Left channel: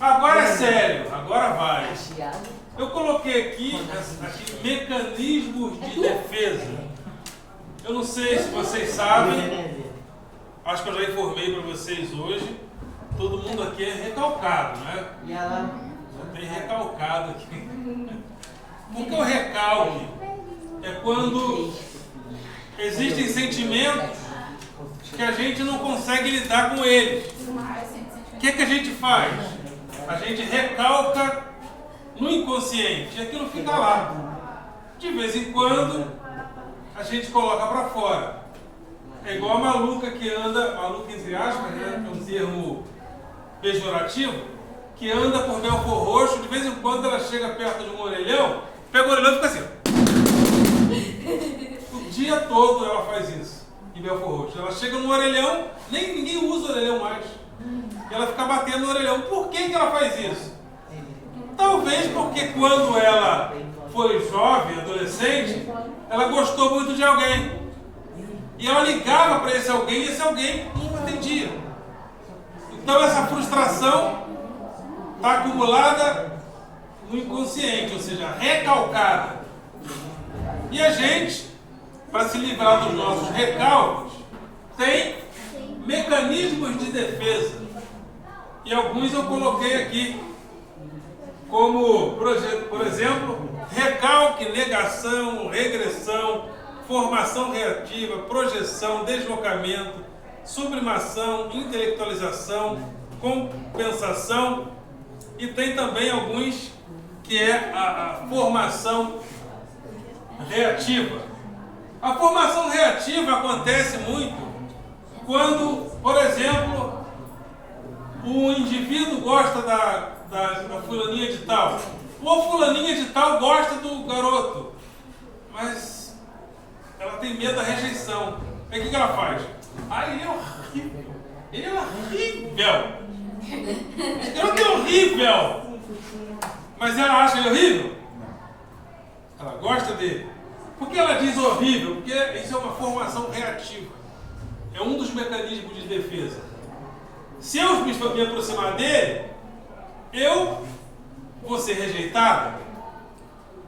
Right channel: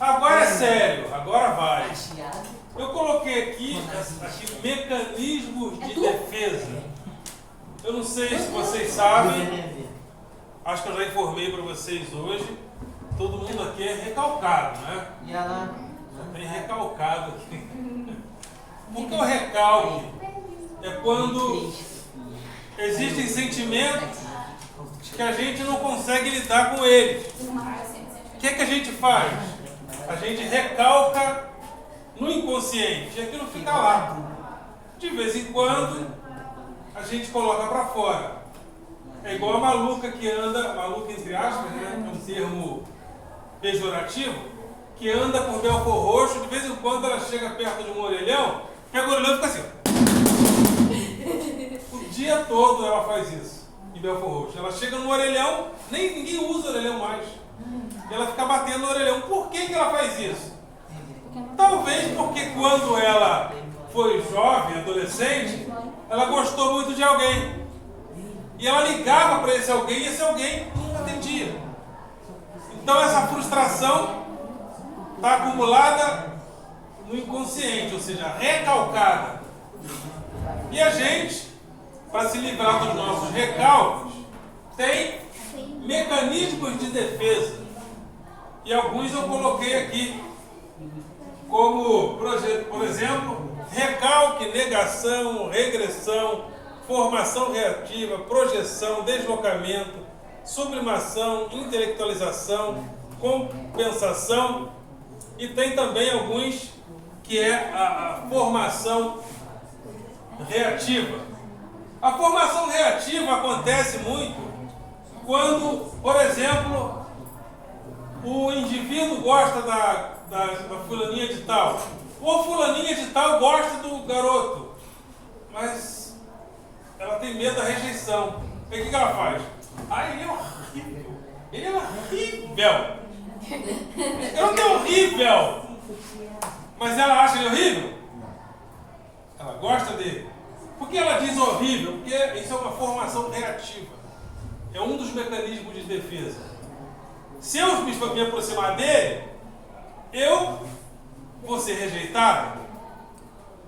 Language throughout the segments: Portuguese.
Agora é sério, agora vai. Eu coloquei aqui mecanismos de defesa. Eu não sei se vocês sabem, acho que eu já informei para vocês hoje. Todo mundo aqui é recalcado, né? Só tem recalcado aqui. Porque o recalque é quando existem sentimentos que a gente não consegue lidar com eles. O que a gente faz? A gente recalca no inconsciente e aquilo fica lá. De vez em quando a gente coloca para fora. É igual a maluca que anda, maluca entre aspas, né? É um termo pejorativo, que anda por Belfor Roxo, de vez em quando ela chega perto de um orelhão, pega o orelhão e fica assim. O dia todo ela faz isso em Belfor Roxo. Ela chega no orelhão, ninguém usa o orelhão mais. E ela fica batendo no orelhão. Por que ela faz isso? Talvez porque quando ela foi jovem, adolescente, ela gostou muito de alguém. E ela ligava para esse alguém e esse alguém não atendia. Então essa frustração está acumulada no inconsciente, ou seja, recalcada. E a gente, para se livrar dos nossos recalques, tem mecanismos de defesa. E alguns eu coloquei aqui, como, por exemplo, recalque, negação, regressão, formação reativa, projeção, deslocamento, sublimação, intelectualização, compensação, e tem também alguns que é a formação reativa. A formação reativa acontece muito quando, por exemplo, o indivíduo gosta da fulaninha de tal, ou a fulaninha de tal gosta do garoto, mas ela tem medo da rejeição. Aí o que ela faz? Ele é horrível. Ele é horrível. Ele é horrível. Mas ela acha ele horrível? Ela gosta dele. Por que ela diz horrível? Porque isso é uma formação reativa. É um dos mecanismos de defesa. Se eu me aproximar dele, eu vou ser rejeitado,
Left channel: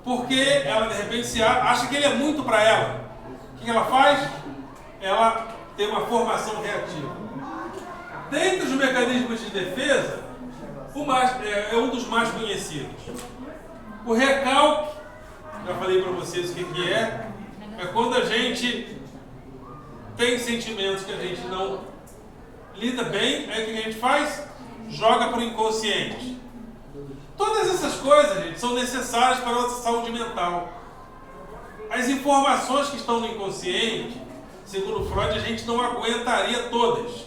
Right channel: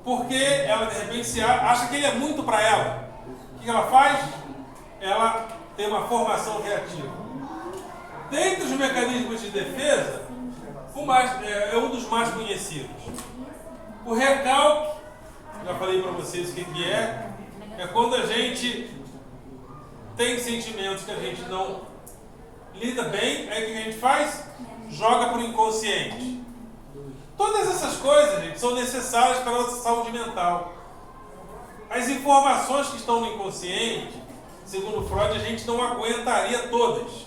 porque ela de repente acha que ele é muito para ela. O que ela faz? Ela tem uma formação reativa. Dentre os mecanismos de defesa, é um dos mais conhecidos. O recalque, já falei para vocês o que é quando a gente tem sentimentos que a gente não lida bem, aí o que a gente faz? Joga para o inconsciente. Todas essas coisas, gente, são necessárias para a nossa saúde mental. As informações que estão no inconsciente, segundo Freud, a gente não aguentaria todas.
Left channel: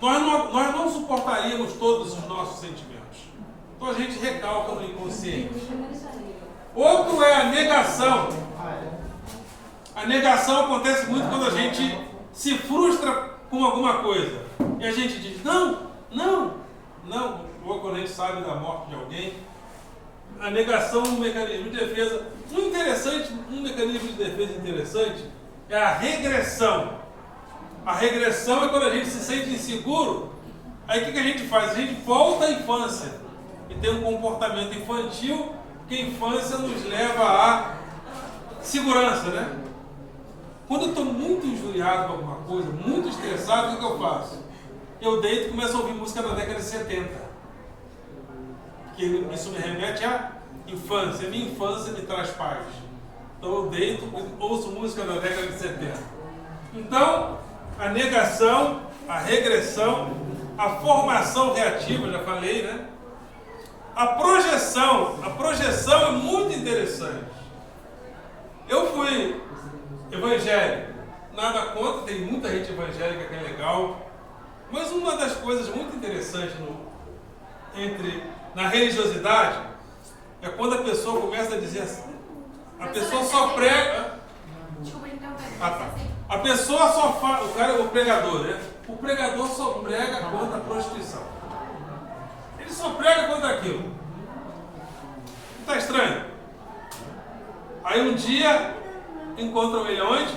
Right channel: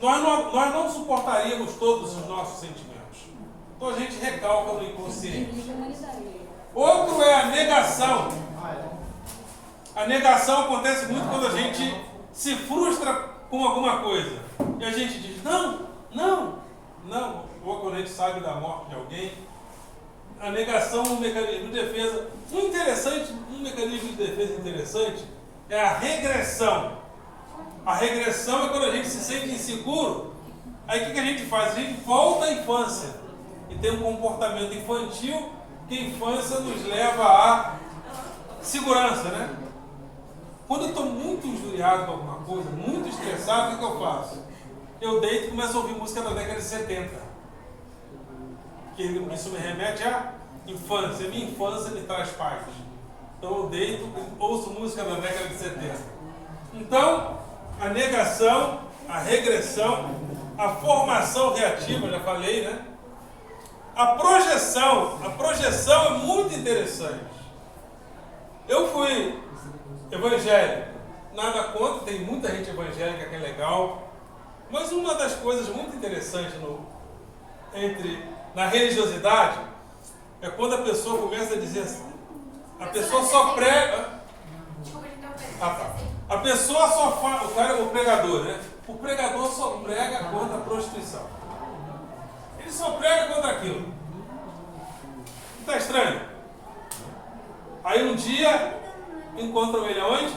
Nós não suportaríamos todos os nossos sentimentos. Então a gente recalca no inconsciente. Outro é a negação. A negação acontece muito quando a gente se frustra com alguma coisa. E a gente diz, não. Ou quando a gente sabe da morte de alguém. A negação é um mecanismo de defesa. Um mecanismo de defesa interessante é a regressão. A regressão é quando a gente se sente inseguro. Aí o que a gente faz? A gente volta à infância. E tem um comportamento infantil, que a infância nos leva à segurança, né? Quando eu estou muito injuriado com alguma coisa, muito estressado, o que eu faço? Eu deito e começo a ouvir música da década de 70. Porque isso me remete à infância. Minha infância me traz paz. Então eu deito e ouço música da década de 70. Então, a negação, a regressão, a formação reativa, já falei, né? A projeção é muito interessante. Eu fui evangélico, nada contra, tem muita gente evangélica que é legal, mas uma das coisas muito interessantes na religiosidade é quando a pessoa começa a dizer assim, a pessoa só prega. A pessoa só fala, o pregador, né? O pregador só prega contra a prostituição. Ele só prega contra aquilo. Está estranho? Aí um dia encontram ele onde?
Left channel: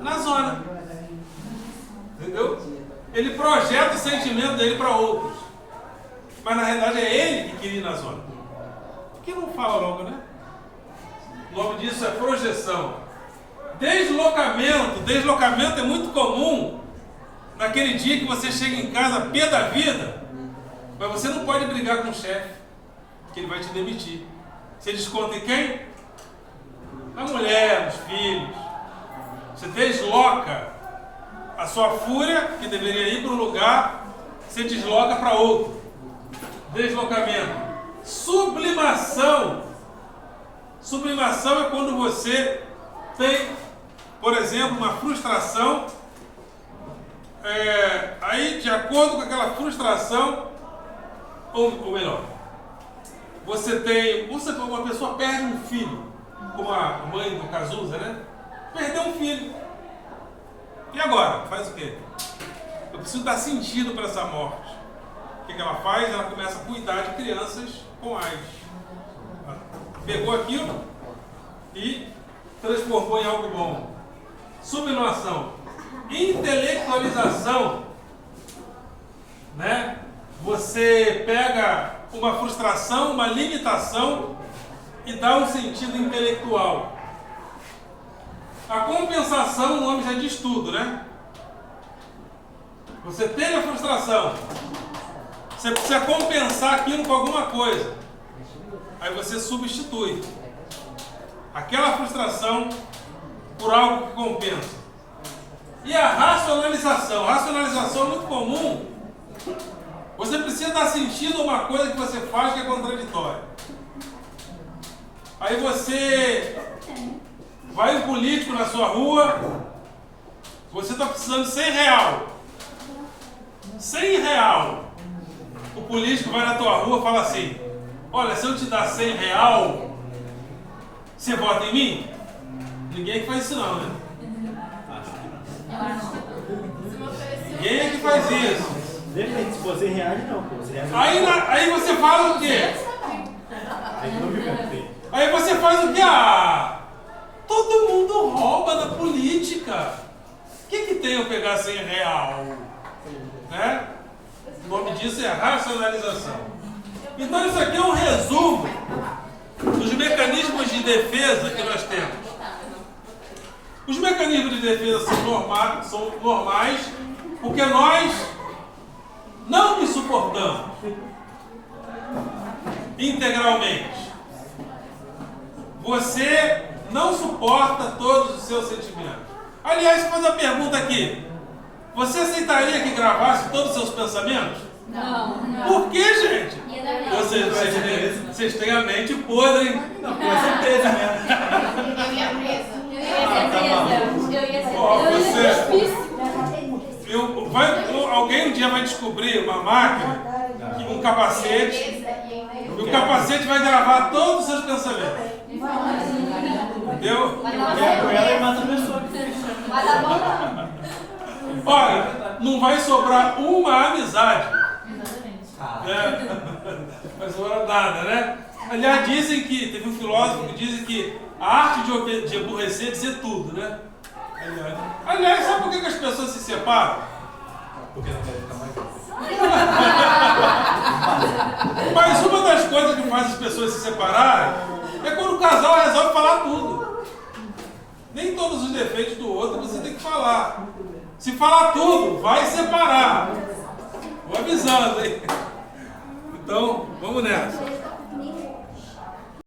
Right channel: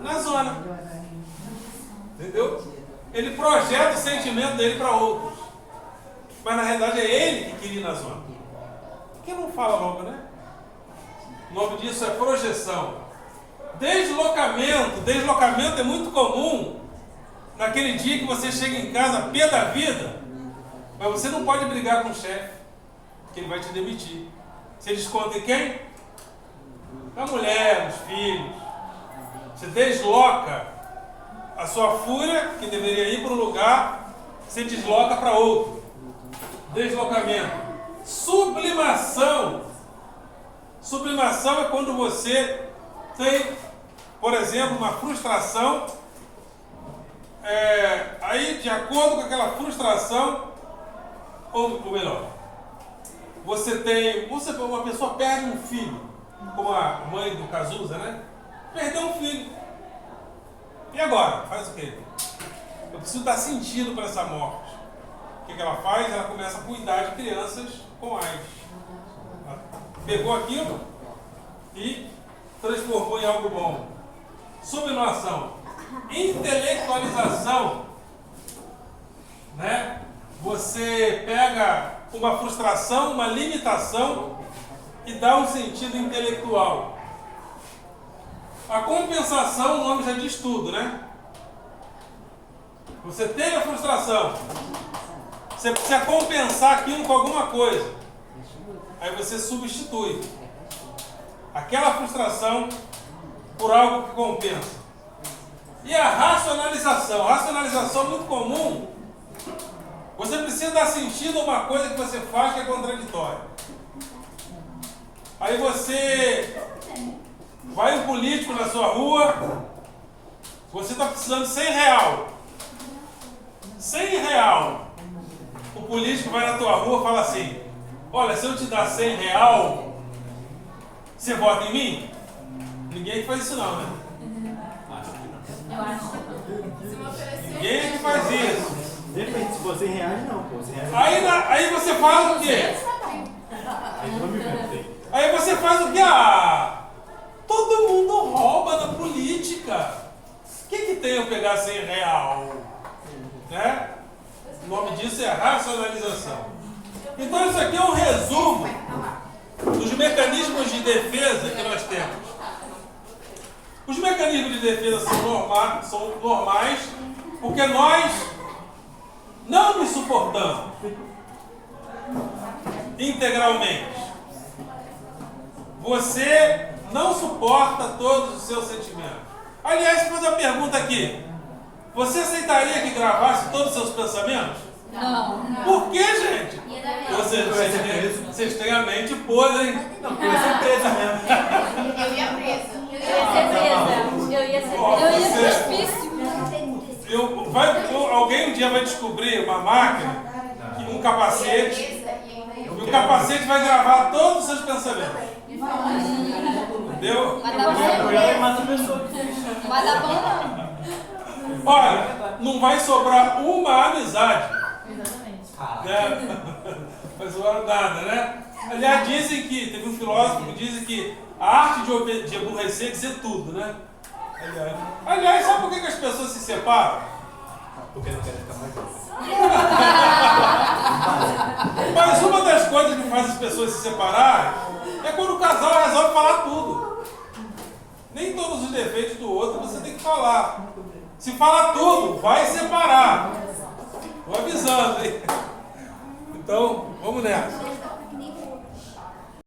Na zona. Entendeu? Ele projeta o sentimento dele para outros. mas na realidade é ele que queria ir na zona. Por que não fala logo, né? O nome disso é projeção. Deslocamento. Deslocamento é muito comum naquele dia que você chega em casa pé da vida, mas você não pode brigar com o chefe, porque ele vai te demitir. Você desconta em quem? Na mulher, nos filhos. Você desloca a sua fúria, que deveria ir para um lugar, você desloca para outro. Deslocamento. Sublimação. Sublimação é quando você tem, por exemplo, uma frustração, aí de acordo com aquela frustração, ou melhor, uma pessoa perde um filho, como a mãe do Cazuza, né? Perdeu um filho. E agora? Faz o quê? Eu preciso dar sentido para essa morte. O que ela faz? Ela começa a cuidar de crianças com AIDS. Ela pegou aquilo e transformou em algo bom. Subnoação. Intelectualização. Né? Você pega uma frustração, uma limitação e dá um sentido intelectual. A compensação, o nome já diz tudo, né? Você teve a frustração, você precisa compensar aquilo com alguma coisa. Aí você substitui aquela frustração por algo que compensa. E a racionalização. A racionalização é muito comum. Você precisa dar sentido a uma coisa que você faz que é contraditória. Aí você vai um político na sua rua, você está precisando de 100 real. 100 real. O político vai na tua rua e fala assim: olha, se eu te dar 100 real, você vota em mim? Ninguém faz isso não, né? Ninguém que faz isso. Depende, se você reage, não. Você reage aí você faz o quê? Aí você faz o quê? Todo mundo rouba na política. O que tem eu pegar 100 real? Né? O nome disso é racionalização. Então isso aqui é um resumo dos mecanismos de defesa que nós temos. Os mecanismos de defesa são normais porque nós não nos suportamos integralmente. Você não suporta todos os seus sentimentos. Aliás, vou fazer uma pergunta aqui. Você aceitaria que gravasse todos os seus pensamentos? Não. Por que, gente? Vocês têm a mente podre, hein? Não, porque você é presa mesmo. Eu ia presa. Alguém um dia vai descobrir uma máquina, um capacete, e o capacete vai gravar todos os seus pensamentos. Entendeu? Olha, não vai sobrar uma amizade. Né? Não vai sobrar nada, né? Aliás, teve um filósofo que diz que a arte de aborrecer é dizer tudo, né? Aliás, sabe por que as pessoas se separam? Porque não querem ficar mais juntos. Mas uma das coisas que faz as pessoas se separarem é quando o casal resolve falar tudo. Nem todos os defeitos do outro você tem que falar. Se falar tudo, vai separar. Vou avisando, hein? Então, vamos nessa.